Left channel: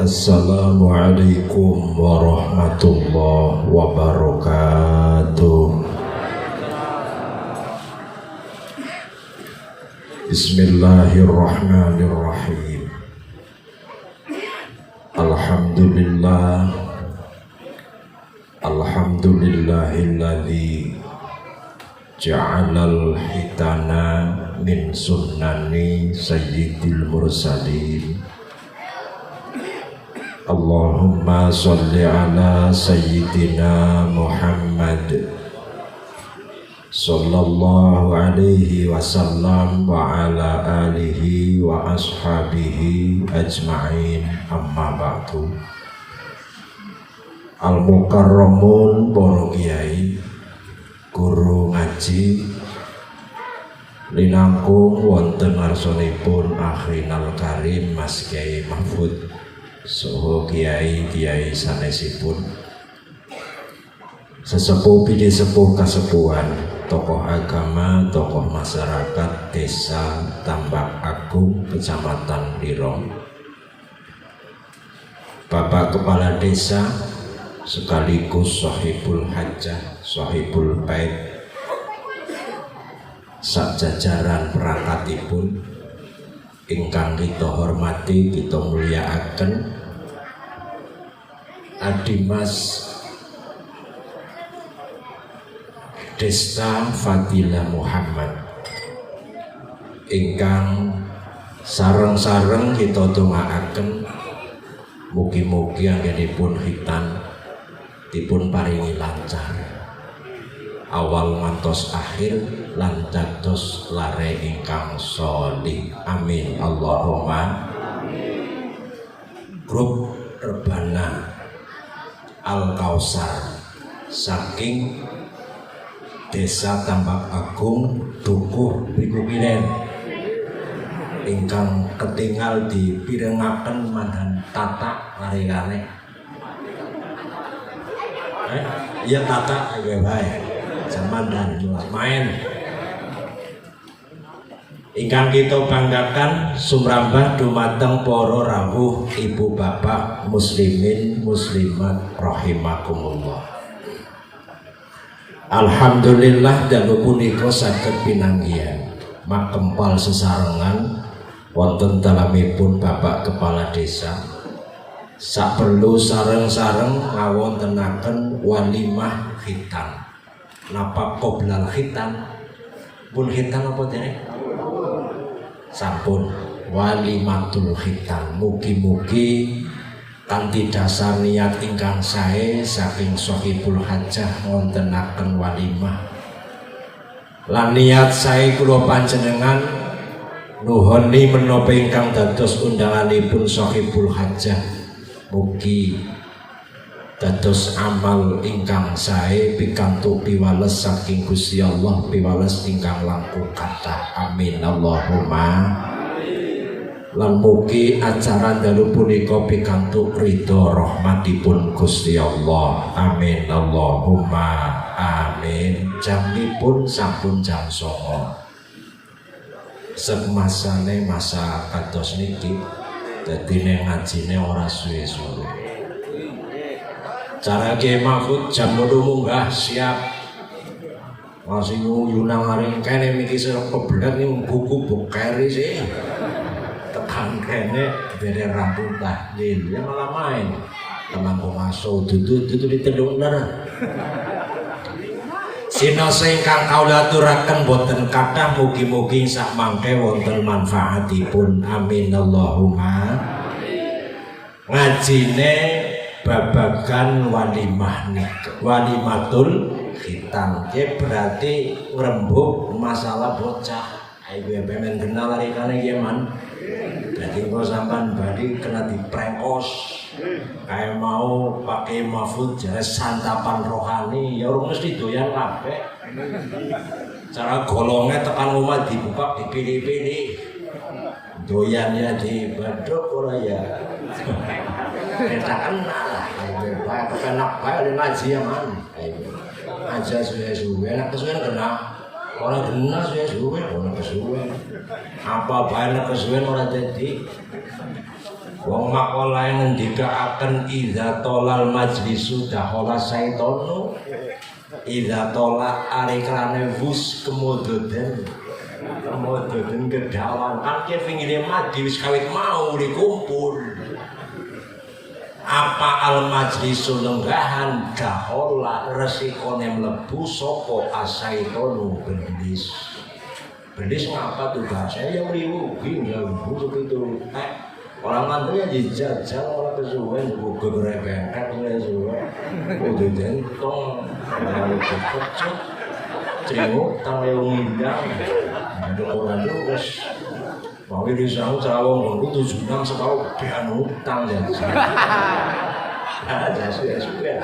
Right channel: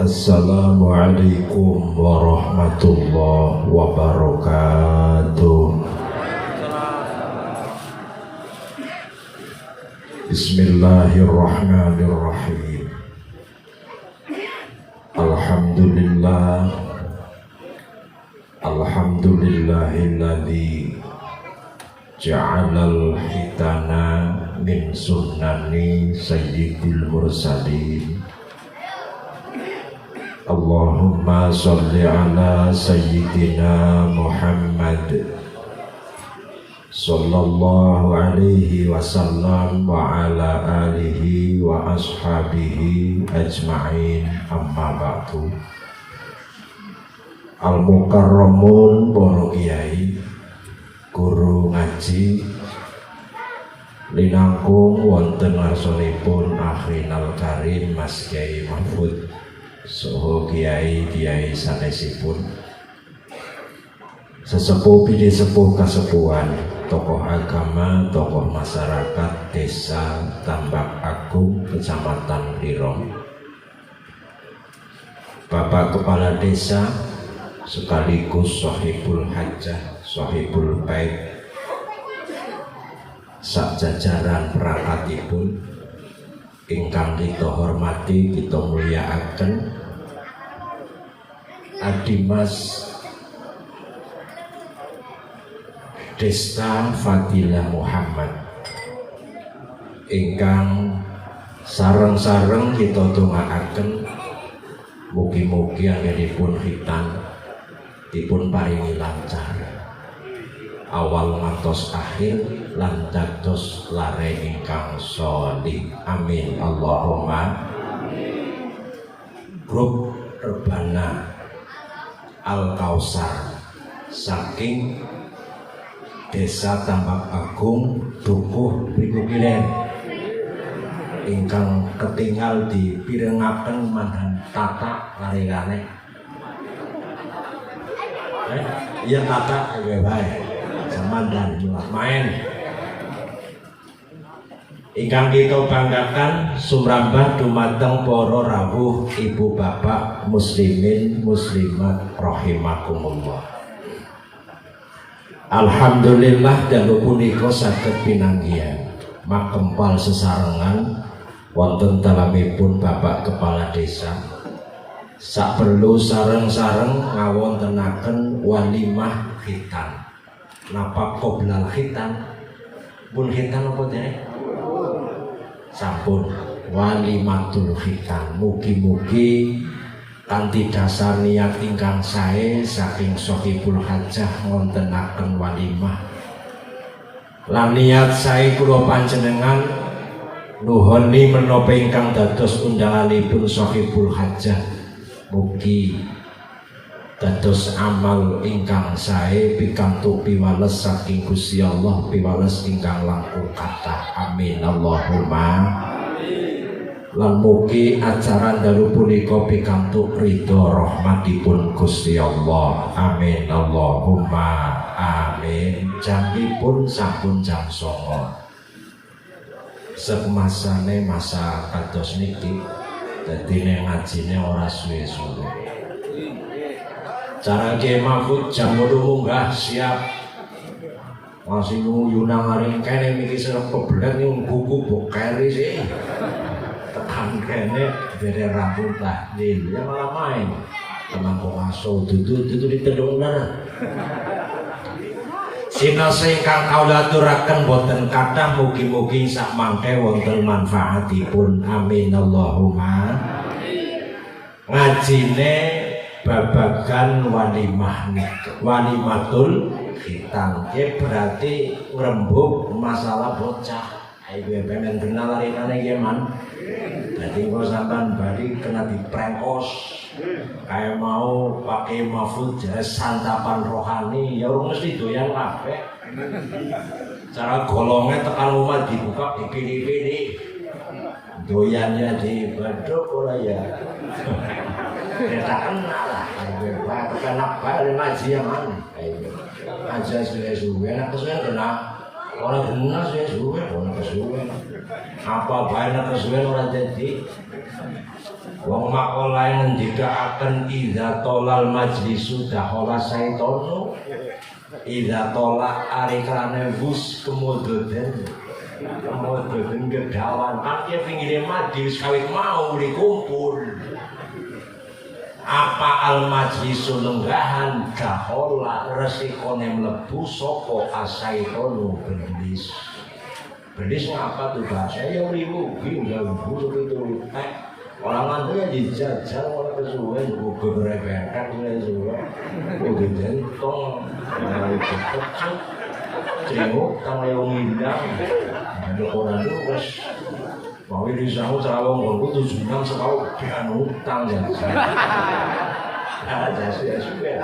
Assalamualaikum warahmatullahi wabarakatuh. Bismillahirrahmanirrahim. Alhamdulillah. Alhamdulillahilladzi ja'alal hitana min sunnani sayyidil mursalin. Allahumma sholli ala sayyidina Muhammad sallallahu alaihi wasallam wa ala alihi wa ashabihi ajma'in, amma ba'du. Al-mukarramun para kiai, guru ngaji linangkung wonten ngarsanipun Akhrinal Karim Mas Kiai Mahfud saha kiai-kiai sanesipun, sesepuh bidi sepuh kasepuhan, tokoh agama, tokoh masyarakat desa Tambak Agung, Kecamatan Lirong, Bapak Kepala Desa sekaligus Sohibul Hajjah, Sohibul Bait, sak jajaran perangkatipun ingkang kita hormati, kita mulyakaken Adimas Desta Fadilah Muhammad ingkang sareng-sareng kita dongaaken mugi-mugi anggenipun khitan dipun paringi lancar awal ngantos akhir lan dados lare ingkang sholih, amin Allahumma amin. Grup Rebana Al-Kausar saking Desa Tambak Agung Dukuh Riku Kilen ingkang ketinggal dipirengaken mandan tata lare-lare. Iya tata bae zaman dan main ingkang kita banggakan sumrambah dumateng para rawuh ibu bapak muslimin muslimat rahimakumullah. Alhamdulillah dangu punika saged pinanggihan makempal sesarengan wonten dalamipun Bapak Kepala Desa sak perlu sareng-sareng ngawontenaken walimah khitan. Napa qoblal khitan? Pun khitan apa dene? Sampun walimatul khitan. Mugi-mugi kanthi dasar niat ingkang sae saking Sohibul Hajjah ngontenaken walimah. Lan niat sae kula panjenengan nuhoni menapa ingkang dados undanganipun Sohibul Hajjah. Mugi dados amal ingkang sae pikantuk piwales saking Gusti Allah, piwales ingkang langkung kathah, amin Allahumma amin. Lan mugi acara dalu punika pikantuk ridho rahmatipun Gusti Allah, amin Allahumma amin. Jamipun sampun jam 09.00 semasane masa kados niki dadi nek ngajine ora suwe-suwe. Cara Kiai Mahfud jam 8 munggah siap. Masih nyuyuna ngaring kene miki serep kebelet ning buku bokeri sih. Tekan kene bere rambut tahlil ya malah main. Teman ngaso dudu ditendung lara. Sinase ingkang kawula aturaken boten kathah, mugi-mugi sak mangke wonten manfaatipun, amin Allahumma amin. Ngajine babagan walimah nikah, walimatul khitan, berarti ngrembug masalah bocah. Ayo pengen kenal lari-lari man. Berarti kok sampean bari kena diprengkos. Kayak mau pakai Mahfud jadi santapan rohani, ya orang mesti doyan kabeh. Cara golongnya tekan rumah dibuka dipilih-pilih. Doyannya di badok ora ya. Kita kenal lah. Kenapa balik ngaji yang mana? Aja suwe-suwe, nak kesuwen kenal. Orang kenal suwe-suwe, orang kesuwen. Apa banyak kesuwen orang jadi. Wong makalah ngendikaaken idza tolal majlisu dakhala saitonu. Idza tola arikrane wus kemudoden. Kemudoden kedawan akeh pinggire mati wis kawit mau dikumpul. Apa al majlisu lenggahan dakhala resikone mlebu sapa asaitonu belis. Belis ngapa tuh bahasa yang ribu enggak buruk itu orang nanti ya dijajal orang kesuwen buku berebekan ya suwe udah jentong mau cepet cenguk tang yang ngindang ada orang itu terus mau disahau calon aku 7 jam sekali pian utang ya ada sih suwe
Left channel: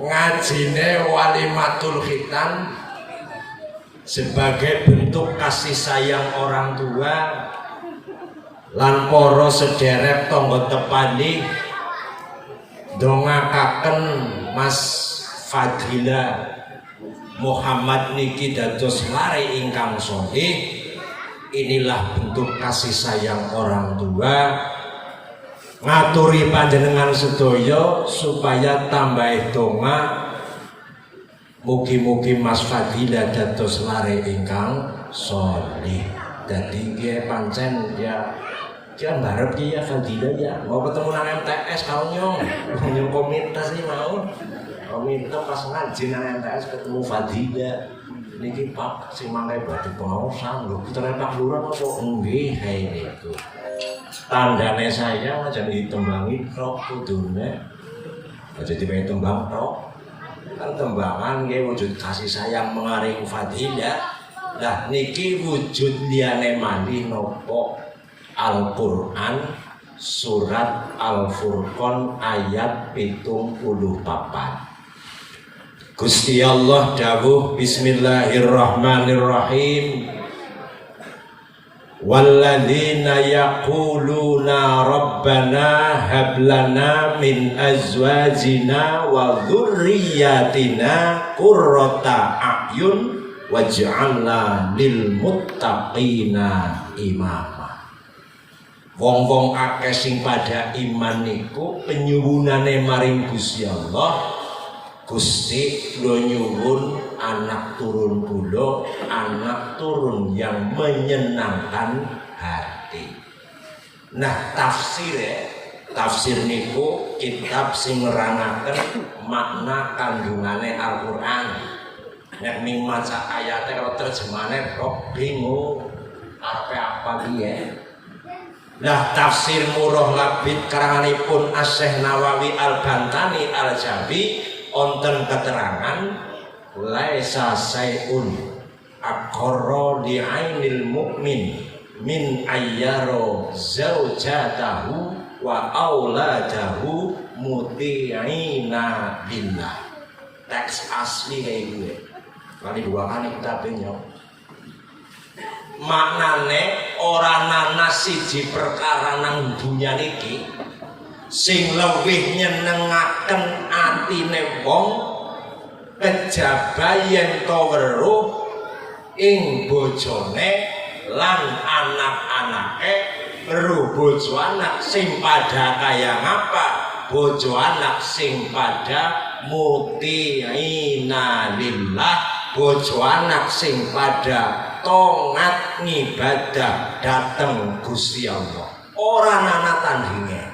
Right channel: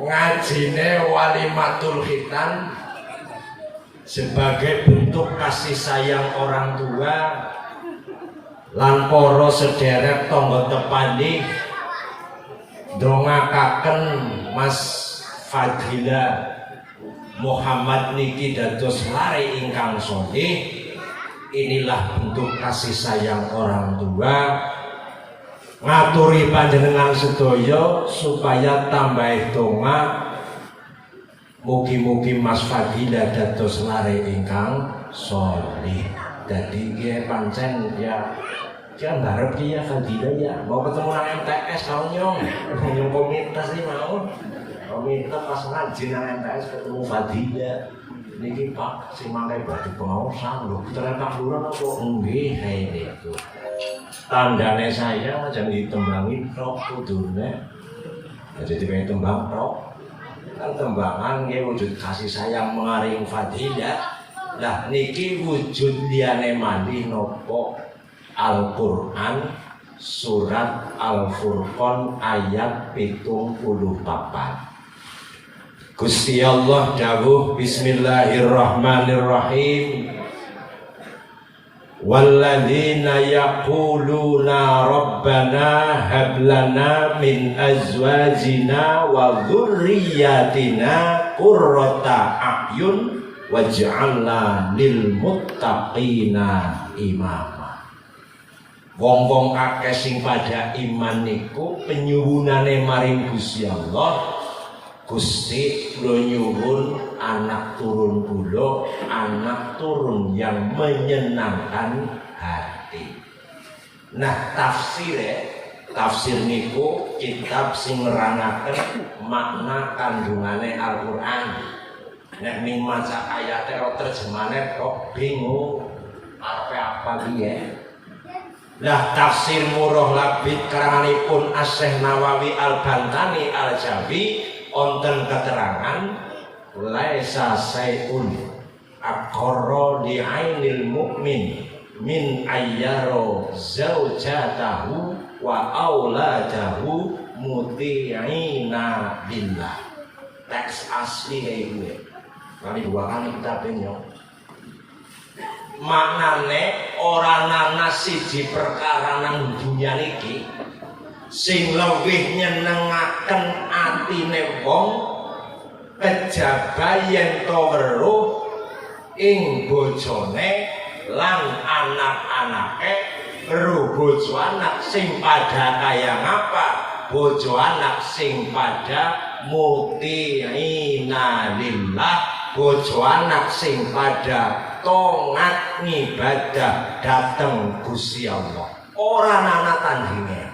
ngajine walimatul khitan sebagai bentuk kasih sayang orang tua lan para sedherek tangga tepani ndongakaken Mas Fadila Muhammad niki dados lare ingkang sholih. Inilah bentuk kasih sayang orang tua. Ngaturi panjenengan sedaya supaya tambah donga mugi-mugi Mas Fadila dados lare ingkang sholih. Dadi nggih pancen ya kan harap dia Fadila ya mau ketemu nang MTS kalau nyong komunitas ini mau komunitas pas ngaji nang MTS ketemu Fadila niki Pak sing mangke badhe pengawasan lho ternyata lurah apa nggih kae niku tandane saya aja ditembangi rok kudune aja dipengen tembang rok kan tembangan nggih wujud kasih sayang mengaring Fadila. Nah niki wujud liyane malih napa Al-Qur'an surat Al-Furqan ayat 74. Gusti Allah dawuh bismillahirrahmanirrahim walladzina yaquluna rabbana hab lana min azwajina wa dzurriyyatina qurrata a'yun waj'alna lil muttaqina imama. Wong-wong akeh sing pada iman niku penyuwunane maring Gusti Allah. Gusti kula nyuwun anak turun kula, anak turun yang menyenangkan hati. Nah, tafsir niku kitab sing nerangaken makna kandungane Al-Qur'an. Nek ning maca ayate karo terjemahane kok bingung apa piye. Nah tafsir Murrah Labid karanganipun Asy-Syaikh Nawawi Al-Bantani Al-Jambi wonten keterangan laisa sayun aqarra li ainil mu'min min ayyaro zaujatahu wa auladahu muti'ina billah. Teks asli kayak gue kali 2 kali kita penyok maknane ora ana siji perkara nang dunya niki sing luwih nyenengaken atine wong kejaba yen to weruh ing bojone lan anak-anake weruh bojo anak sing padha kaya ngapa bojo anak sing padha muti'ina lillah bojo anak sing padha tongat ngibadah dateng Gusti Allah ora ana tandinge.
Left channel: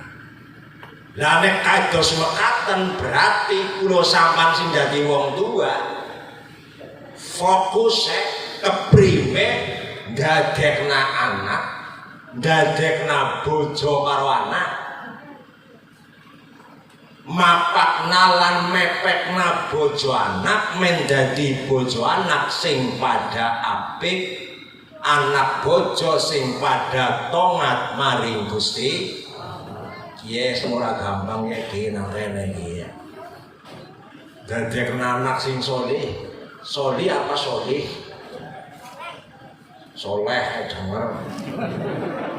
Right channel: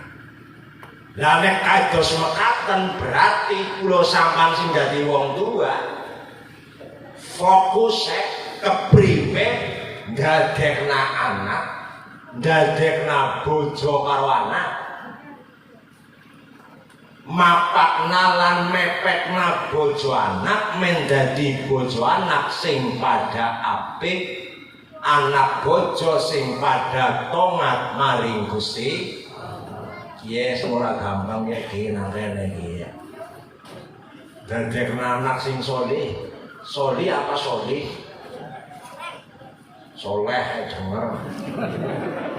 Lah nek kados mekaten berarti kula sampean sing dadi wong tua fokus kepriwe ndadekna anak ndadekna bojo karo anak mapakna lan mepekna bojo anak mendadi bojo anak sing pada apik anak bojo sing pada tongat maring Gusti. Yes, ora gampang ya iki nang rene iki ya. Dadekna anak sing sholih. Sholih apa sholih? Soleh denger.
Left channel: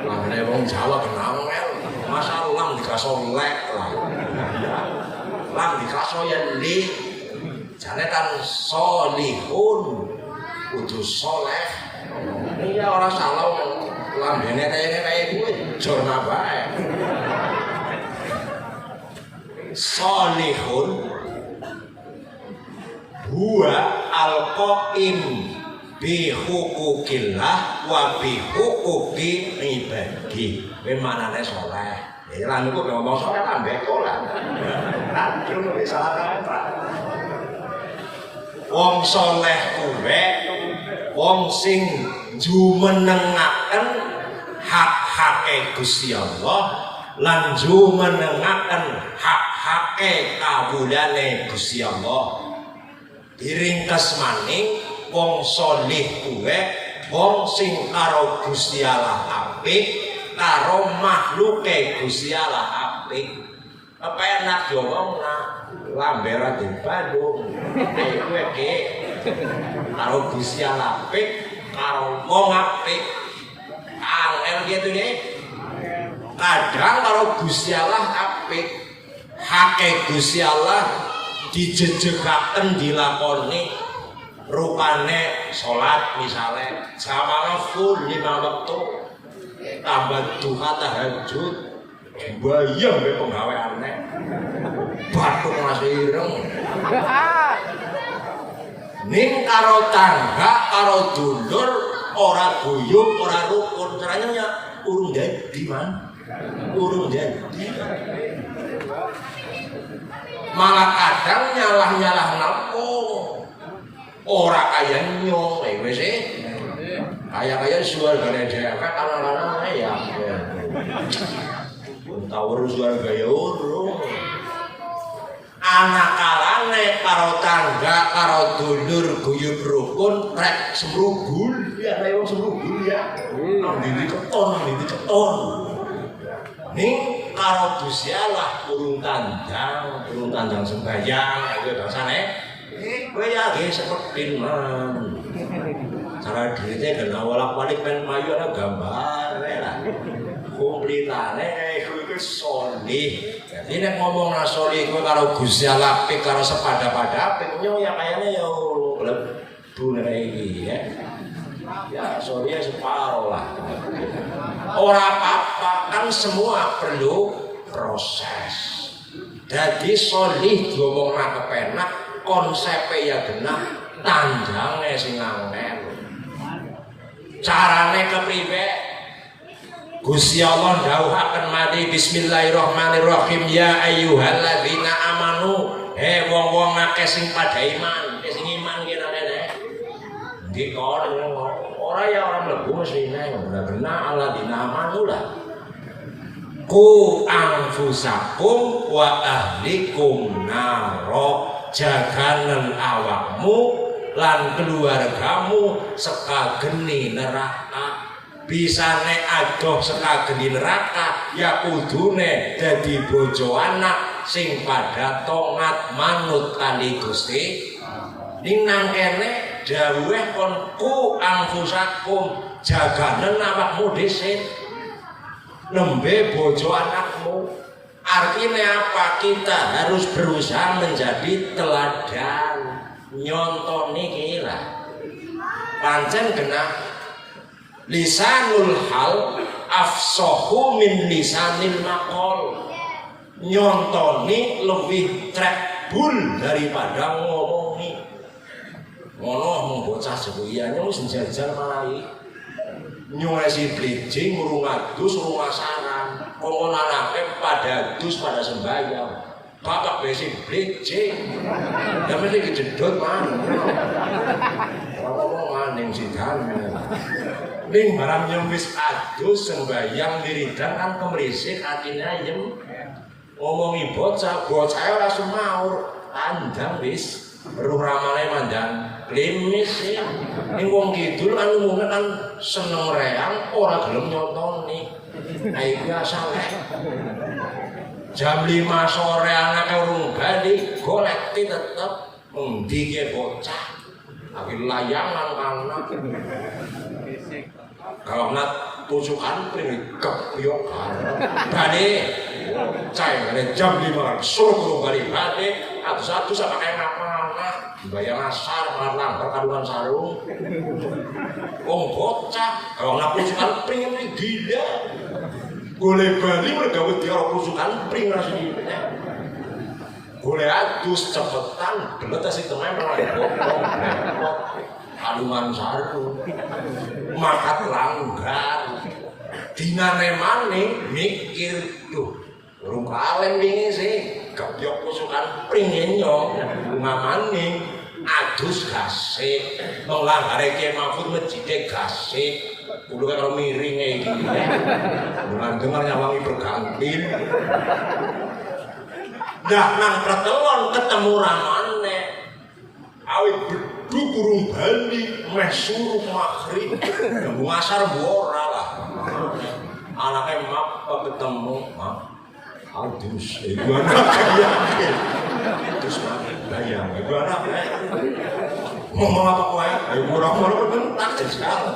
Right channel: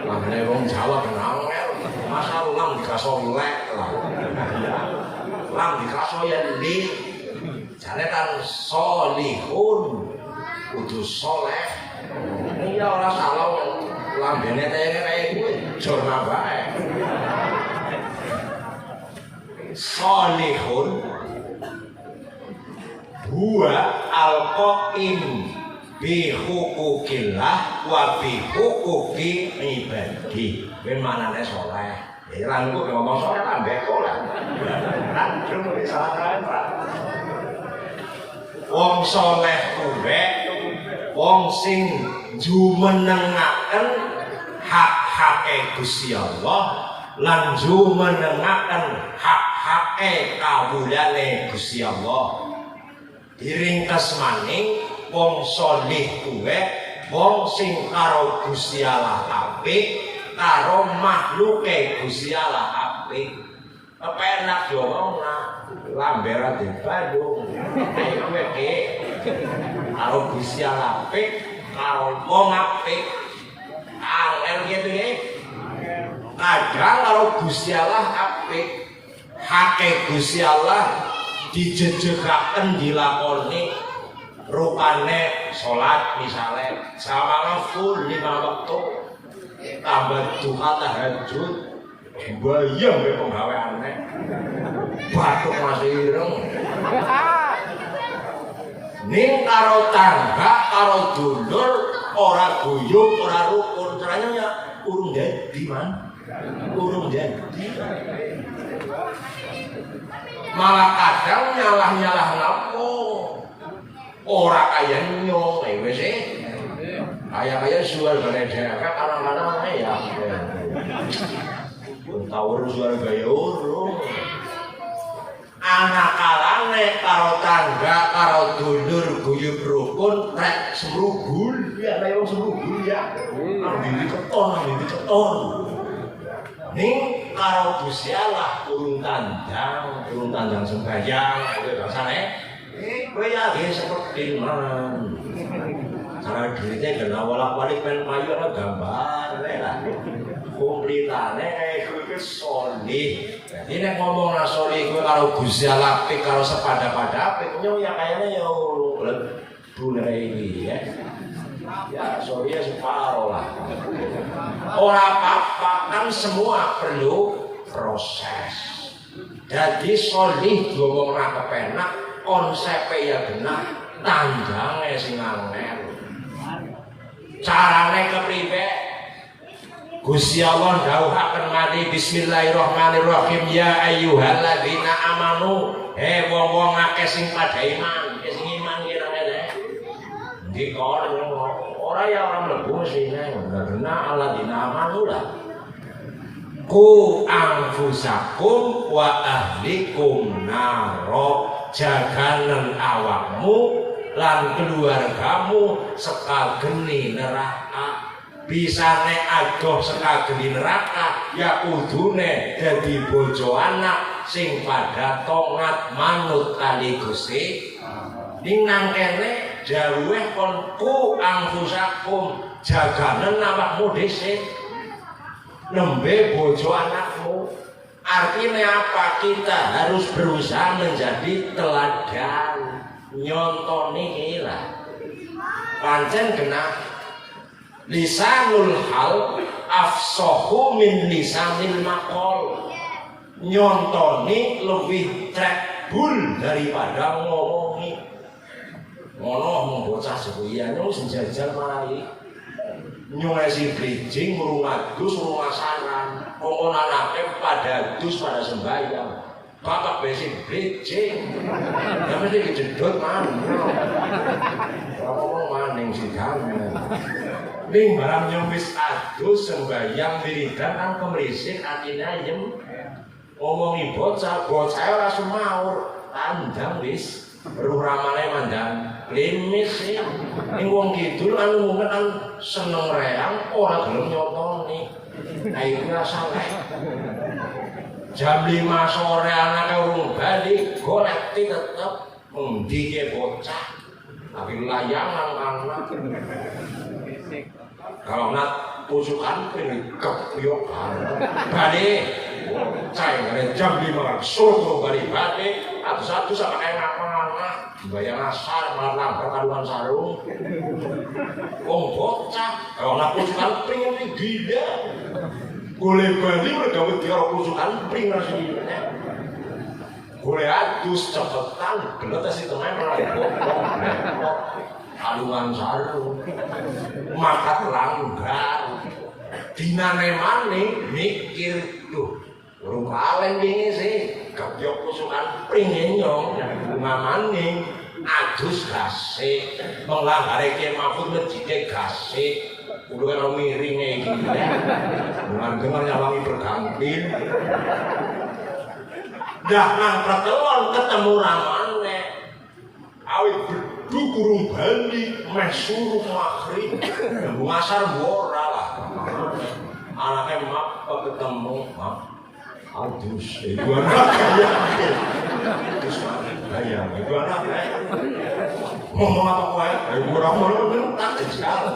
Lah nek wong Jawa kenal masa lam dikaso lek lah. Lam dikaso ya li. Jane kan sholihun kudu soleh. Iya ora salah lambene kaya kuwi jorna bae. Sholihun huwa al-qaim bi hukukillah wa bi hukuki ibadi. Kuwi manane saleh. Ya lan kok ngomong saleh ambek ora. Wong saleh kuwi wong sing jumenengaken hak-hake Gusti Allah lan jumenengaken hak-hake kawulane Gusti Allah. Diringkes maning wong saleh kuwi wong sing karo Gusti Allah apik, karo makhluke Gusti Allah apik. Penak yo wong lambe ra di Bandung. Kuwi iki karo Gusti Allah apik, karo wong apik. Angel gitu ya. Kadang karo Gusti Allah apik, hake Gusti Allah dijejekaken dilakoni. Rupane sholat misalnya sama full 5 waktu tambah duha tahajud bayang ke penggaweane batuk masih ireng ning karo tangga karo dulur ora guyub ora rukun caranya urung dadi man urung dadi malah kadang nyalah-nyalah napa ora kaya nyong wis kaya suara gane dhewe ana-ana ya tawur suara gaya urung anak kalane karo tangga karo dulur guyub rukun rek semrubul ya ayo semrubul ya ndi keton ning karo Gusti Allah urung tandang sembahyang kuwi bangsane kowe ya ge seketin man. Cara duitnya kena walak-walik men mayu ana gambare lah. Kumplitane kuwi sholih. Dadi nek ngomong nang sholih kuwi karo Gusti Allah apik karo sepada-pada apik yo ya kayane yo lebu iki ya. Ya sholih separo lah. Ora apa-apa kan semua perlu proses. Jadi sholih diomong ora kepenak konsepnya ya benar tandangnya sing angel carane kepriwe Gusti Allah dawuhaken mati bismillahirrahmanirrahim ya ayyuhalladzina amanu he wong-wong akeh sing padha iman sing iman ki nane ndi kok ora ya ora mlebu mesine benar alladzina amanu lah ku anfusakum wa ahlikum naro jaganen awakmu lan keluargamu sekageni neraka bisane adoh sekageni neraka ya kudune dadi bojo anak sing padha taat manut kali Gusti ning nang kene dawuhe kon ku anfusakum jaganen awakmu dhisik nembe bojo anakmu. Artinya apa? Kita harus berusaha menjadi teladan nyontoni kira pancen genah lisanul hal afsahu min lisanil maqal nyontoni lebih trekbul daripada ngomongi ngono bocah sebuyane wis njajal mari nyuwesi bridging urung adus urung asaran wong anake pada dus pada sembahyang bapak besi bridging tapi iki kejedot man ngomong maning sidang ning barang yang wis adus sembahyang wiridan kan kemrisik atine ayem ngomongi bocah ora sumaur pandang wis ruh ramane mandang klimis sih ning wong kidul kan umumnya kan seneng reang ora gelem nyotoni ayo salah jam 5 sore anaknya urung balik golek tetep endi ke bocah tapi layangan anak kalau nak pucukan pilih kepiyok balik cai ada jam 5 suruh balik balik atau satu sama kayak anak bayar asar malah perkaduan sarung bocah kalau nak pucukan pengen gila Boleh bali mergawe diaro kusukan pring rasane. Boleh adus cepetan belet sing tengah alungan saru. Makat langgar. Dinane maning mikir tuh urung kalen wingi sih gebyok kusukan pringenyo mamane adus gasik menglangare Ki Mahfud mejite gasik kulo karo miringe iki bukan dengar nyawangi berganti dah nang pertelon ketemu ramane awit bedu burung bali meh suruh maghrib ngasar ora lah anake apa ketemu Adus, itu anak terus bayang, itu anak ngomong apa kue? Murah-murah itu tajam sekali.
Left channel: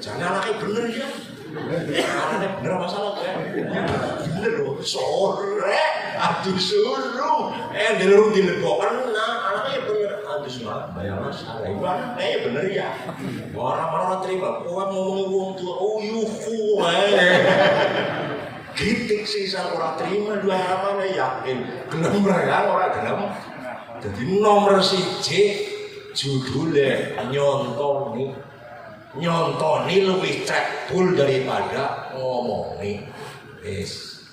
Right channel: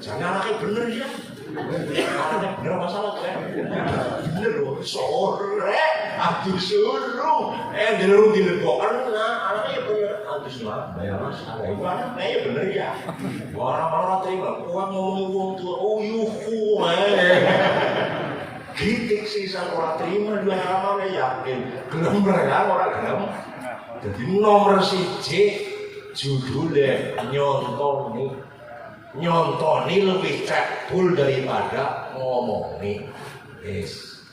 Jangan anaknya bener ya. Anaknya bener masalah ya. Bener loh, sore, aduh suruh. Dilurung dilebokan, anaknya bener. Adus lah, bayang masalah. Itu anaknya bener ya. Orang-orang terima, kue ngomong tua, oh yufu, Gitik sisan ora terima dua ramane yakin gelem real ora gelem. Dadi nomor 1 judule nyontoni lebih cekbul daripada ngomongin. Wis.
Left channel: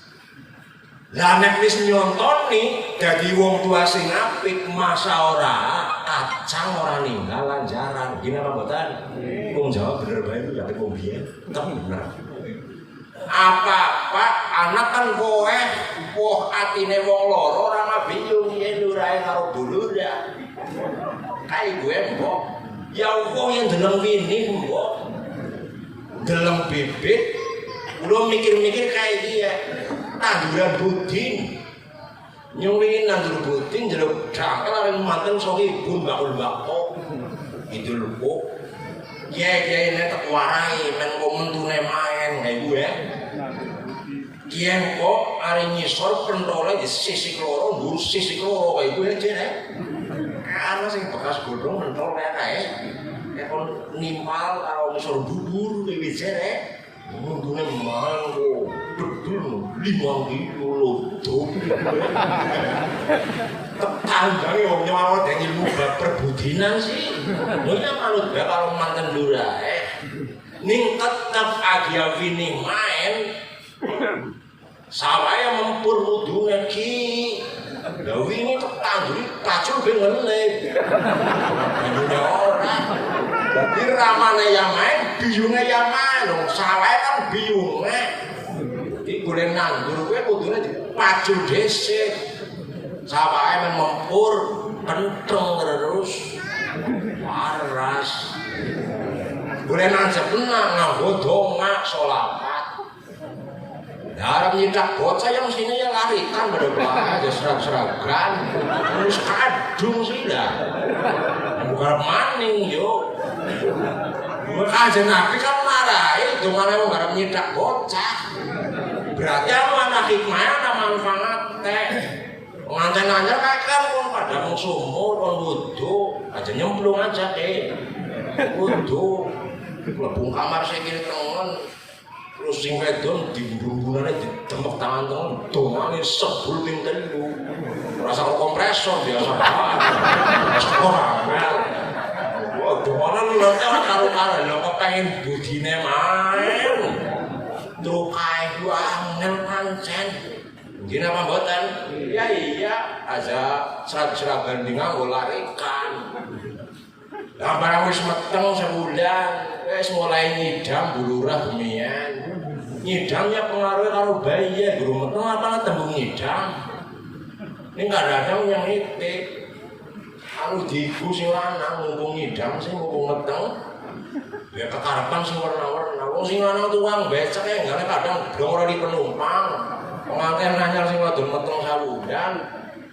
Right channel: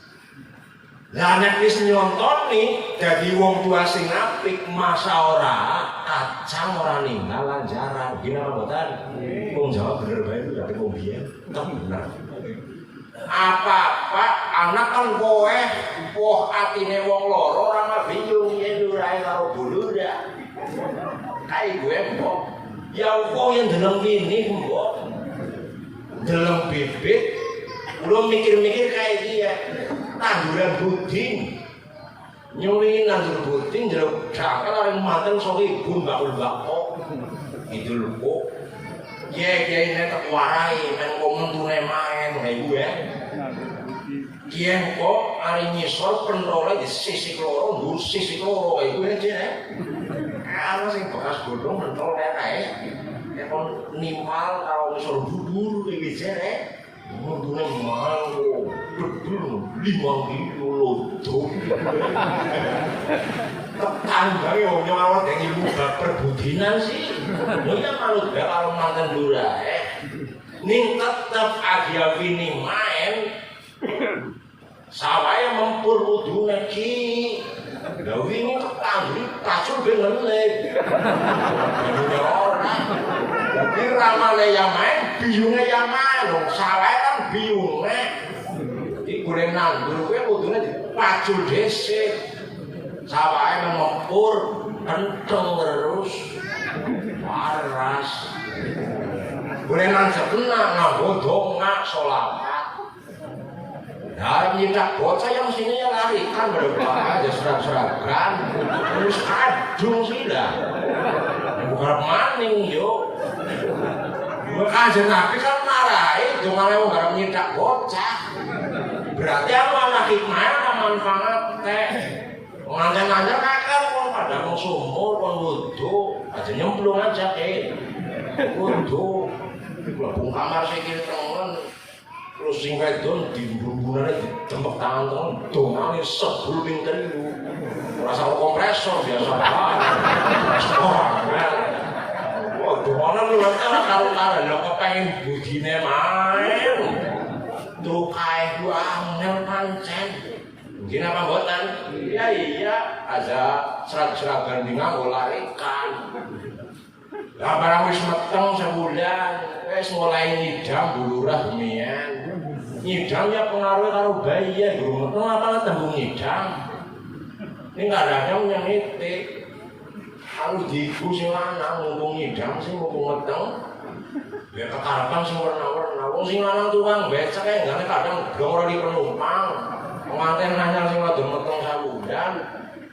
Lah nek wis nyontoni dadi wong tua sing apik masa ora kacang ora ninggal lanjaran. Gini apa mboten? Wong Jawa bener bae kate wong biyen. Bener. Apa-apa anak kan kowe poh atine wong loro ora bingung yen urae karo bulura. Kae gue mbok ya kok yen deleng wini mbok. Deleng bibit lu mikir-mikir kayak dia tanduran buding. Nyuwi nandur buding jeruk cakal areng mateng sok ibu mbakul-mbakul. Gitu lho kok. Kiai nek warai men komentune main kayak gue. Kiai kok ari nyisor penrole di sisi loro, nggur sisi loro kayak gue aja nek. Ana sing bekas bodong mentol kae. Nek kon nimal karo nyisor bubur iki jere. Mundune mahal kok. Bedul 5 kilo lodo. Tetangga yo nyawat yang ilmu bab perbudinan sih. Lho ya manut bae karo manten lurae. Ning tetep agya wini main. Sawaya mempur mudune ki. Lah wingi ketangguri pacul ben ngelip. Dene ora. Dadi ramane yang main, biyunge yang main. Sawaya kan biyunge. Dadi golek nandur kuwi kudune dipacul dhisik. Sawaya mempur kenthong terus. Waras. Golek nang sebenah nganggo dongak selawat. Dalam nyidak bocah yang mestinya yang larikan berapa aja serag-seragan terus kadung sih dah bukan maning yuk aja nabi kan marah itu malah nggak nyidak bocah berarti apa anak hikmahnya ada manfaatnya pengantin-antin mereka pada mau sumur mau wudhu aja nyemplung aja wudhu lebung kamar sikit teman terus sing wedon dibumbunane ditembok tangan temen dongane sebul ping 3 rasa kompresor biasa wah dongane lho karo-karo lho kok pengen budine main terus kae ku angel pancen ngene apa mboten iya aja serag-seragan nganggo larikan lah barang wis meteng sebulan wis mulai nyidam bulurah bemian nyidamnya pengaruhnya karo bayi ya guru meteng apa tembung nyidam ini nggak ada yang nitik kalau diiku sing lanang ngomong nyidam sing ngomong meteng ya kekarepan sing warna-warna wong sing lanang tukang becak ya nggak kadang blong di penumpang pengantin nanya sing wadon meteng sabudan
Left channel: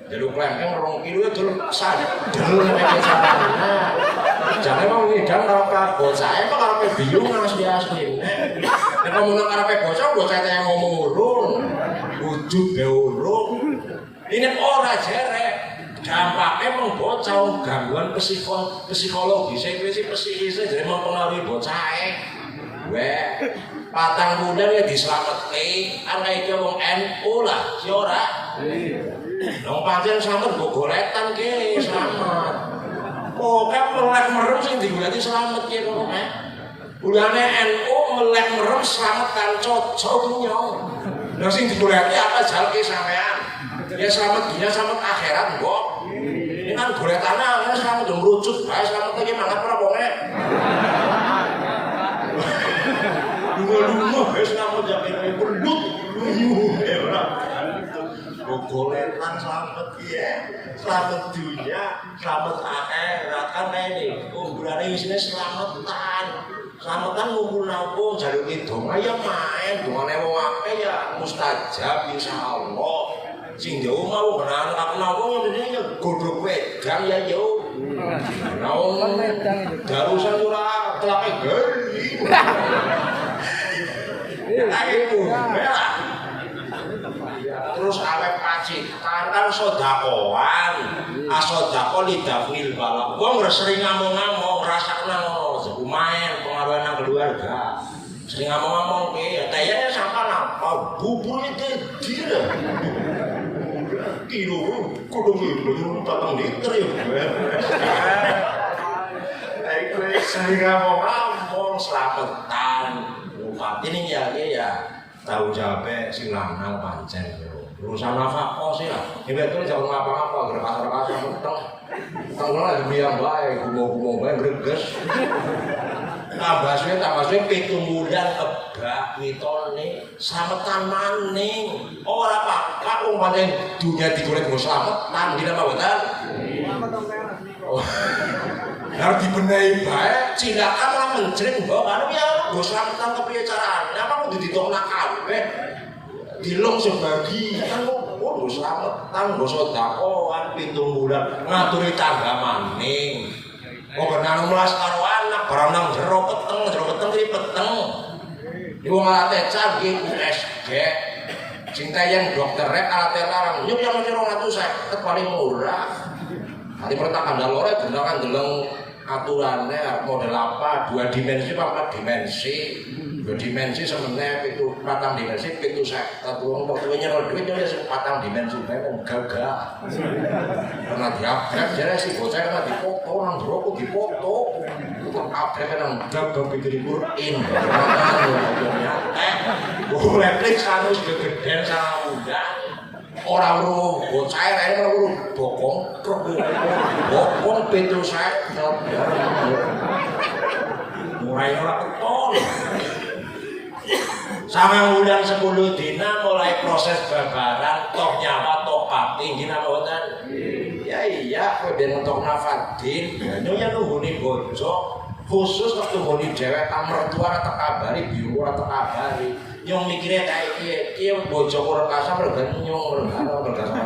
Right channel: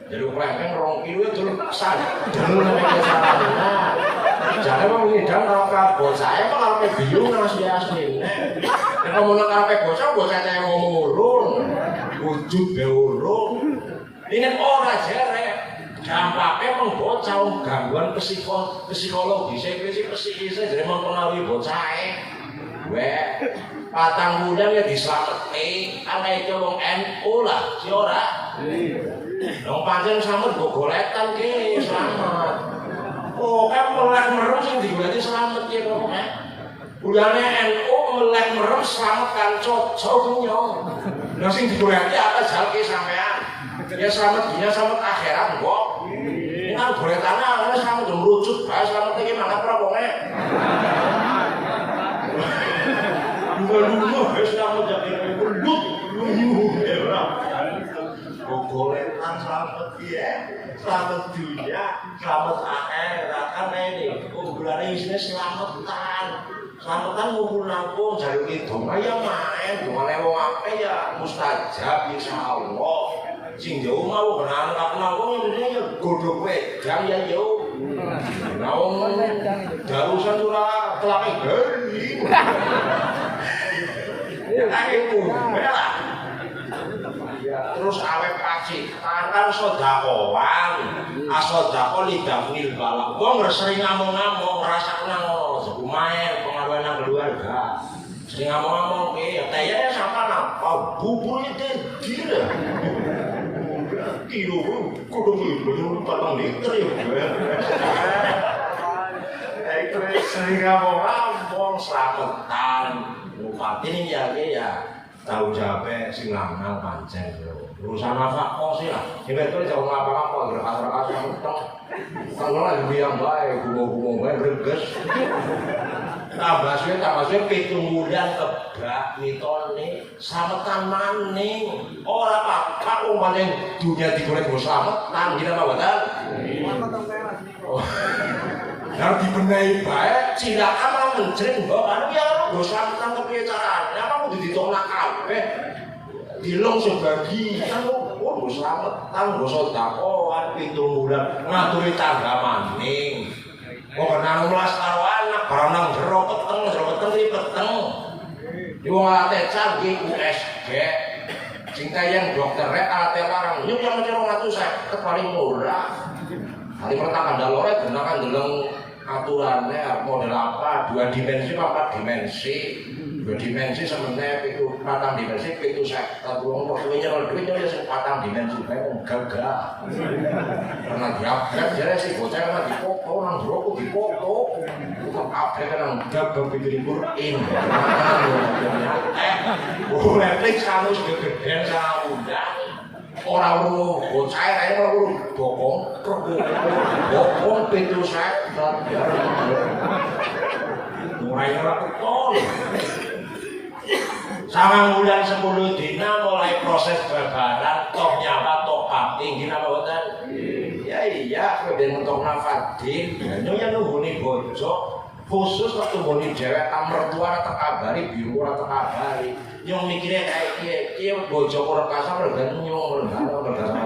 jadi kelengkeng 2 kilo itu sadel nek sarana jangan mau nyidam karo kabel saya kok ape bingung asli-asli nek ngomong karo bocah yang ngomong urun wujud be urun ini ora jerek dampaknya mung bocah gangguan psikologis wis psikis jadi mempengaruhi bocah duwe. Patang bulan ya diselametke, ana iki wong NU lah, si ora. Wong pancen slamet mbok golekan ki slamet. Pokoke melek merem sing digoleki slamet ki pokoke. Bulane NU melek merem slamet kanca dunya. Lah sing digoleki apa jalke sampean? Ya slamet dunya slamet akhirat kok. Ini kan goletane ana slamet merucut bae slamet iki mangkat ora pokoke. Lunga-lunga wis kamu jadi belut lunga gogoletan slamet piye slamet dunya slamet akhirat kan ini umburane wis slametan ngumpul nanggung jaluk itu ya main dungane wong akeh ya mustajab insyaallah sing jauh mau kenal-kenal ya godhog wedang ya yo naon darusan ora telake geri terus awet kaji kantan sodakoan asodako lidafnil balak wong sering ngomong-ngomong rasakna ngono sebu main pengawenan keluarga sering ngomong-ngomong kayaknya sampai apa buburnya gila kilo kudu gitu tatang liter ya sering ngomong selametan ini ya tahu jawabnya sing lanang pancen urusan nafkah sih lah ini tuh jangan ngapa-ngapa gerkas-gerkas utang kalau lagi biang baik gumo-gumo baik greges tambah suwe 7 bulan kebak mitone slametan maning ora apa-apa wong pancen dunya digolek go slametan gila apa betul harus dibenahi baik cilakan menjreng mbok anu ya go slametan kepiye carane apa kudu ditolak kabeh dilong sebagian go slametan go sedekah 7 bulan ngaturi tangga maning kok kenal mulas karo anak barang nang jero peteng iki peteng iki wong alate canggih USG sing tayang dokter rek alate larang nyuk yang 250 paling murah hari pertama dalore gunakan deleng aturannya model apa 2 dimensi apa 4 dimensi 2 dimensi sebenarnya itu 4 dimensi itu saya uang waktu nyerol duitnya ya 4 dimensi saya mau gagah karena diabrek jadi si bocah karena dipoto orang jeruk dipoto itu abrek karena gagah pikir in boleh periksa harus kegedean sama muda orang lu bocah lain lu bokong pintu saya mulai orang ketol sama bulan 10 dina mulai proses babaran toh nyawa toh pati gina boten ya iya kemudian untuk nafadin yang nuhuni bojo khusus waktu nuhuni dewek mertua atau kabari biru atau kabari yang mikirnya kayak kia bojo kurang kasar bergantung nyong bergantung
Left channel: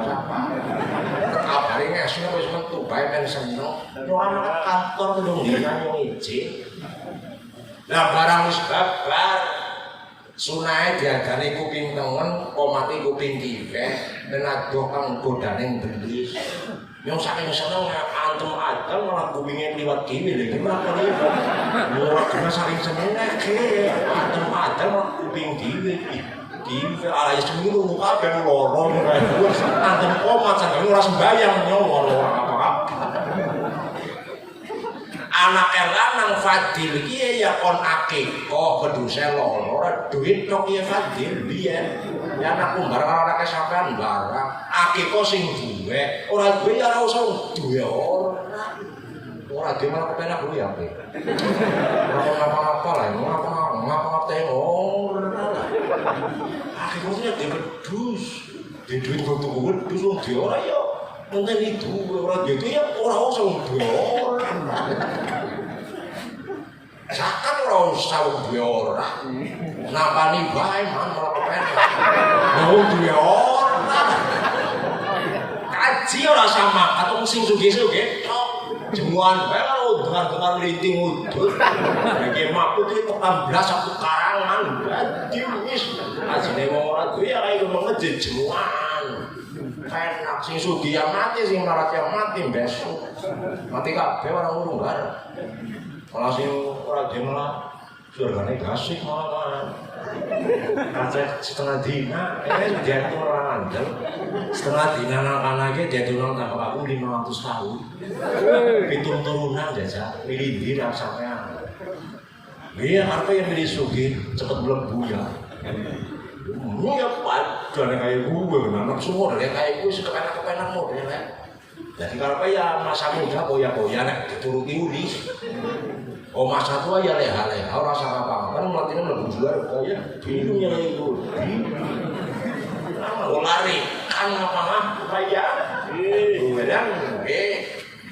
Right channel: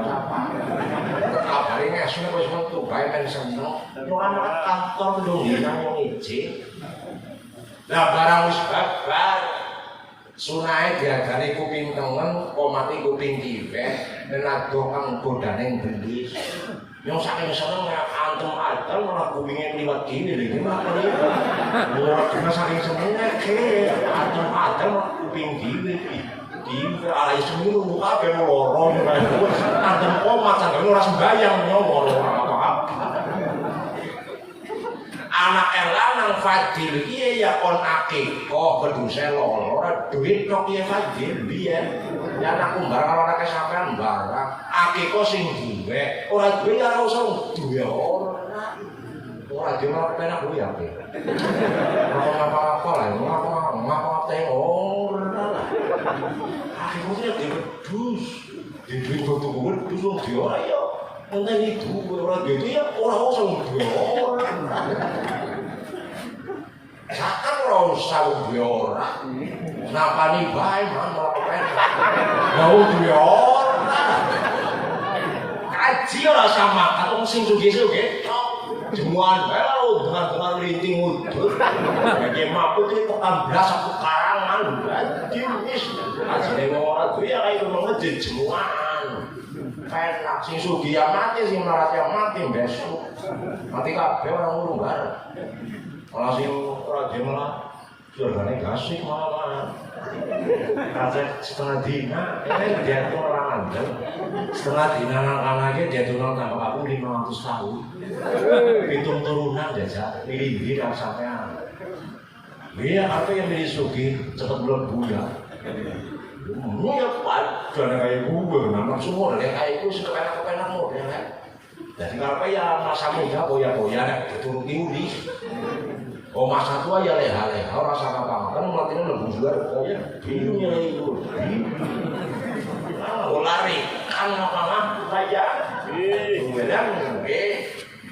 kabari ngasih wis metu bae men seneng yo anak kantor ndung dina yang izin lah barang wis babar sunahe diadani kuping tengen komati kuping kiwe dan adoh kang godane belis yang saking seneng antem-antem malah kupingnya liwat kiwe lho gimana ora kena saking seneng ke antem-antem kuping kiwe kiwe ala seminggu kabeh loro antem komat sampe ora sembayang loro anak lanang Fadil kiye ya kon akikoh keduse loro ora duit tok kiye Fadil biyen ya anak kumbar karo anak sampean barang akikoh sing duwe ora duwe ya ora usah duwe ora dhewe penak kuwi ya pe apa-apa lah ngapa tengok akikohnya dibedus di duit kudu wedus wong di ora ya enten itu ora gitu ya ora usah duwe Sakan ora usah duwe ora. Napani bae manut pen. Mau duwe ora. Kaji ora sama atau sing sugih-sugih tok. Jemuan bae ora dengan rinting udut. Lagi mampu ki tekan blas aku karangan. Dadi wis ajine ora duwe ya kaya ngono jemuan. Enak sing sugih ya mati sing melarat ya mati besok. Mati kabeh ora ngurung bareng. Kalau sing ora jemlah surgane gasik malah. Kaset setengah dina, ini dia tuh orang andel. Setengah dina anak-anaknya dia tuh orang tambah aku 500 tahun. Hitung turunan jajak, milih rasanya. Iya, apa yang milih sugi cepet belum buya. Iya, jangan kayak gue, anak semua dari kayak gue suka enak-enak mau ya kan. Jadi kalau ya masa muda boya-boya dituruti uli. Oh masa tua ya leha-leha, orang sama kan nantinya lebih juga ya bingung ya itu. Lari kan apa aja. Kemudian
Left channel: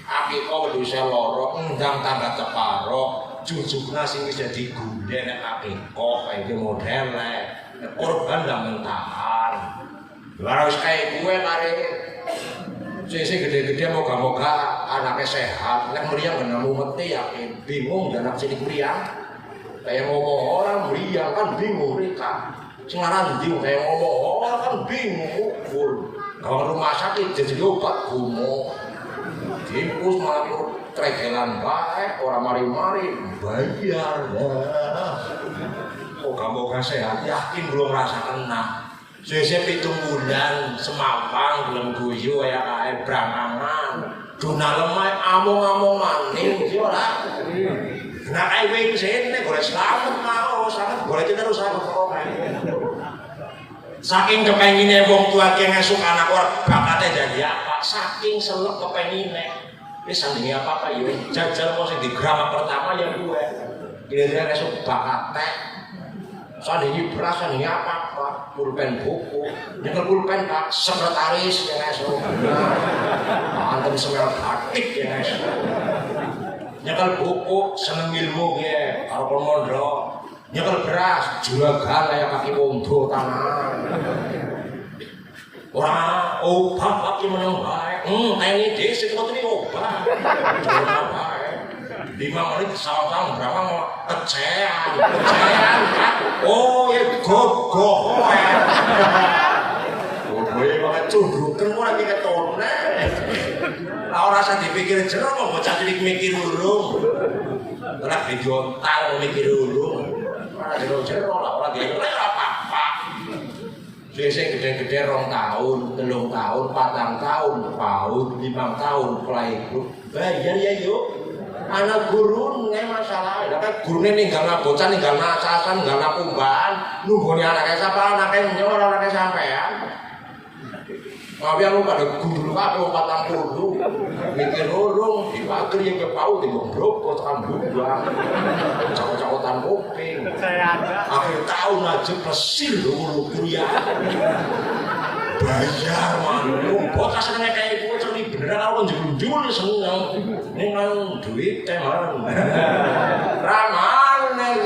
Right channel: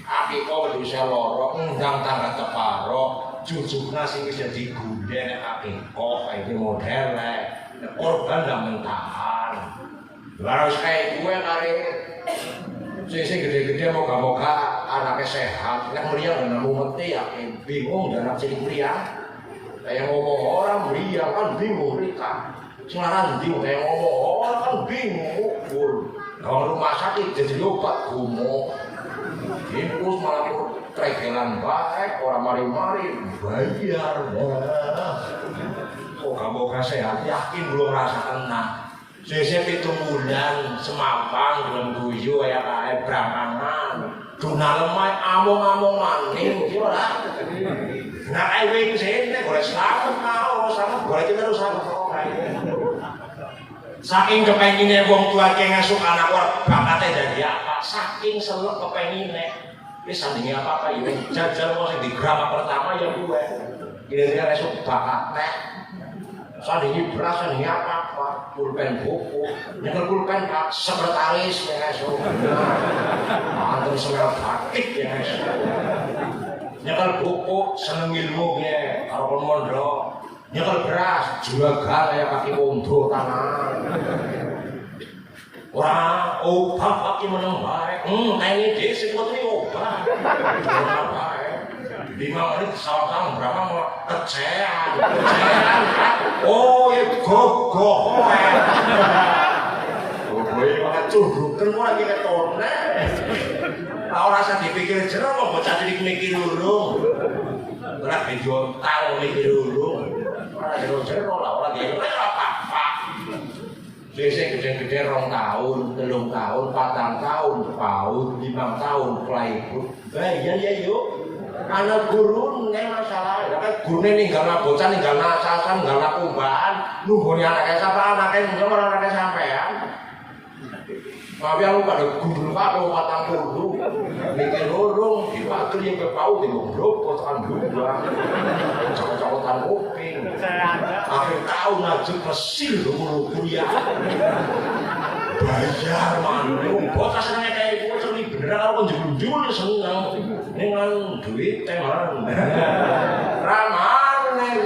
api kau bisa lorong, undang tangga teparo, jujurnya sih bisa digundeng api kok kayak model korban dan mentahan. Harus kayak gue lari. Sisi gede-gede moga-moga anaknya sehat. Nek meriang dengan mati ya bingung dan nafsi dikriang. Kayak ngomong orang meriang kan bingung mereka. Sekarang bingung kayak ngomong orang kan bingung ukur. Kalau rumah sakit jadi luka gumo. Timpus malah keregelan baik orang mari-mari bayar. Moga-moga sehat. Yakin belum rasakan nah. Sesep itu bulan semapang dengan guyu ya kayak berangan. Duna lemai among-amongan nih ora. Nah kayak wing sini boleh selamat mau selamat boleh kita selamat. Saking kepenginnya wong tua ki ngesuk anak ora bakate dadi apa. Saking selek kepengine. Wis sandinge apa ya jajal kok sing digram pertama ya gue. Kira-kira ngesuk bakate. Sandinge beras sandinge apa? Pulpen buku, nyekel pulpen pak sekretaris ya guys, antum sengal praktik ya guys, nyekel buku seneng ilmu ya, kalau pemondok, nyekel beras juragan kayak kaki wondo tanah, orang obat kaki meneng baik, ini desi kok ini obat, jangan baik, 5 menit salam berapa mau kecean, oh ya gogoh. Gue makan curug, terus lagi ketone. Kau rasa dipikir jeruk, mau bocah jadi mikir dulu. Orang video tahu mikir dulu. Orang jeruk lah, orang dia apa-apa. Biasanya gede-gede 2 tahun, 3 tahun, 4 tahun, 5 tahun, playbook. Bayar ya yuk. Anak guru nih masalah, tapi guru nih ninggal bocah, ninggal nasasan, ninggal nakumbaan, nungguin anaknya siapa, anaknya nyolong, anaknya sampean. Tapi aku pada guru aku patang guru, mikir urung, diwakil yang kepau, digombrok, kotokan bulan, cokot-cokotan kuping. Akhir tahun aja persil dulu kuliah. Bayar manu, bocah senengnya kayak gue seni bener kalau njul-njul seneng. Dengan duit teman, raman nih,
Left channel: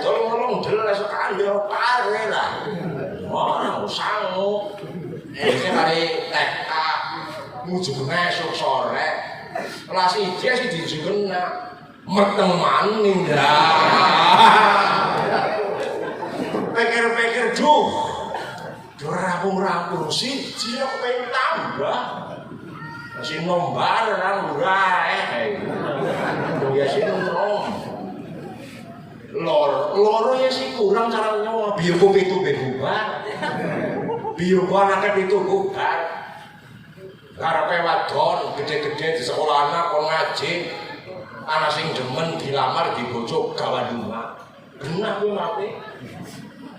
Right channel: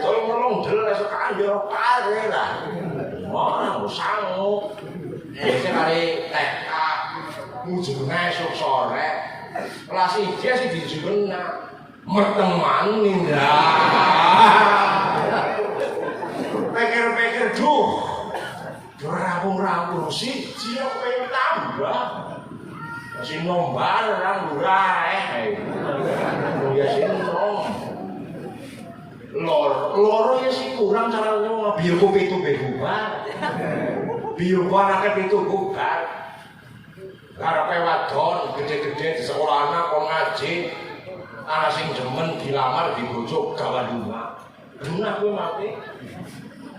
tolong jelas kanjeng pare lah, orang sanggup, ini hari TK, ujungnya esok sore, kelas IJ sih dijuna, merteman ninja, pikir-pikir rampung sih, dia pengen tambah. Si nombar orang burai, ya si nom, lor ya sih kurang caranya mau biar kopi itu berubah, biar barangnya itu bukan, karena wadon gede-gede di sekolahnya kau ngaji, anak sing demen dilamar dibocok gawa rumah, gue mati.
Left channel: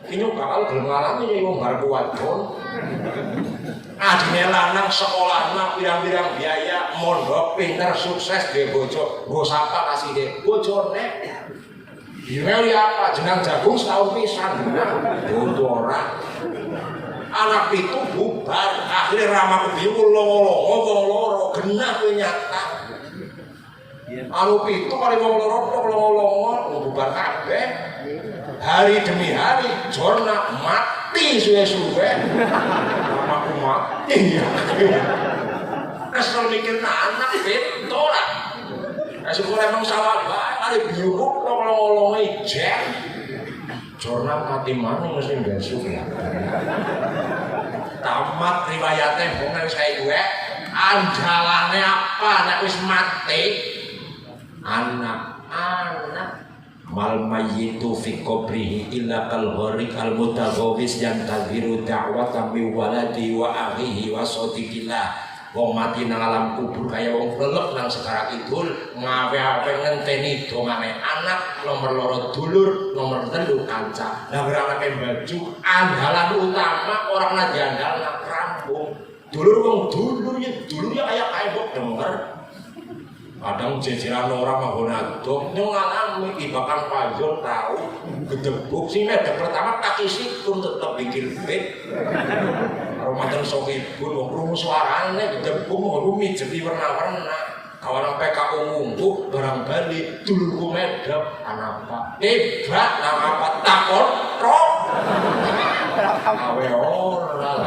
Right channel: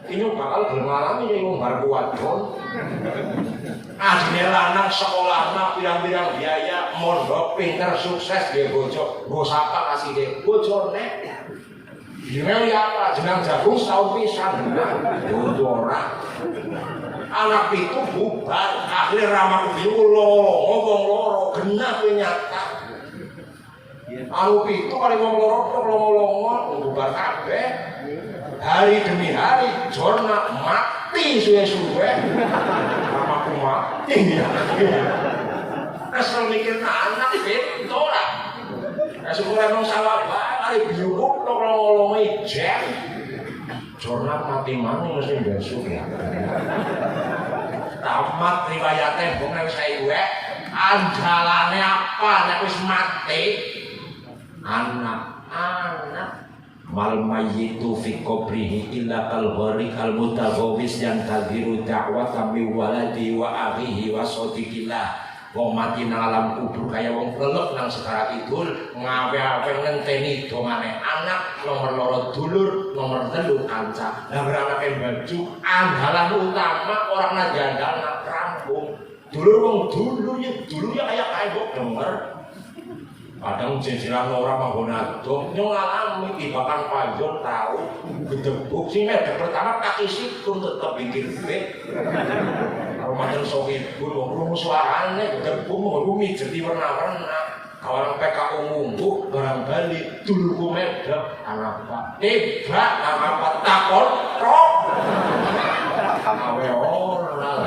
Ini bakal bermalam ini ngombar wadon. Adine lanang sekolahna pirang-pirang biaya mondok pinter sukses dhe bojo sapa kasih dhe bojone Birel ya jenang jagung setahun pisan untuk orang anak itu bubar akhirnya ramah kebiru ngomong loro genah kuwi nyata anu itu kali ngomong loro bubar kabeh hari demi hari jorna mati suwe-suwe iya, kesel mikir anak itu lah. Kasih gue emang salah banget, ada biuruk lo kalau ngolongi jam. Jorna mati mana mesti besok ya. Tamat riwayatnya bukan saya gue, andalannya apa? Anak wis mati, anak mal mayyitu fi qabrihi illa kal gharik al mutaghawis yantadhiru da'wata min waladi wa akhihi wa sadiqillah. Wong mati nang alam kubur kaya wong lelek nang Sekarang Kidul ngawe-awe ngenteni dongane anak nomor loro dulur nomor 3 kanca. Lah anake baju andalan utama orang lagi andalan rampung. Dulur wong dulunya kayak kok denger. Kadang jejeran orang menggunakan ngalami di bakal panjang tahu gedebuk sih medek pertama kaki sikun tetap bikin fit. Ramadan soke ibu rumus suarane gedebuk rumi jadi warna-warna. Kawan PKU munggu barang balik dulurku medek anak tiba nama apa takon rok. Awe orang.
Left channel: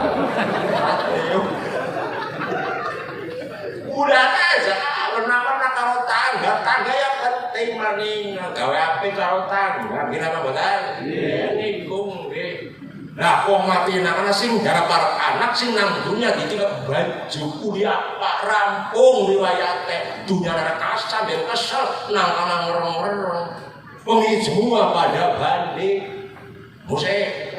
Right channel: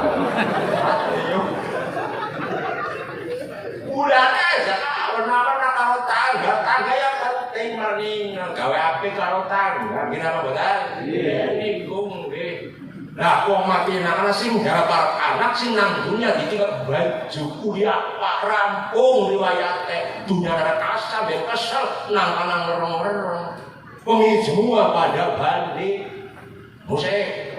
Udah aja. Tangga yang penting maning gawe api karo tangga gimana boten nginggung nggih. Lah wong mati nang sing garap anak sing nang dunya dicelep baju kuliah pak rampung riwayate dunya ana kasar ben kesel nang ana mereng-mereng wong semua pada balik musik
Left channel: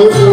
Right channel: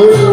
Oh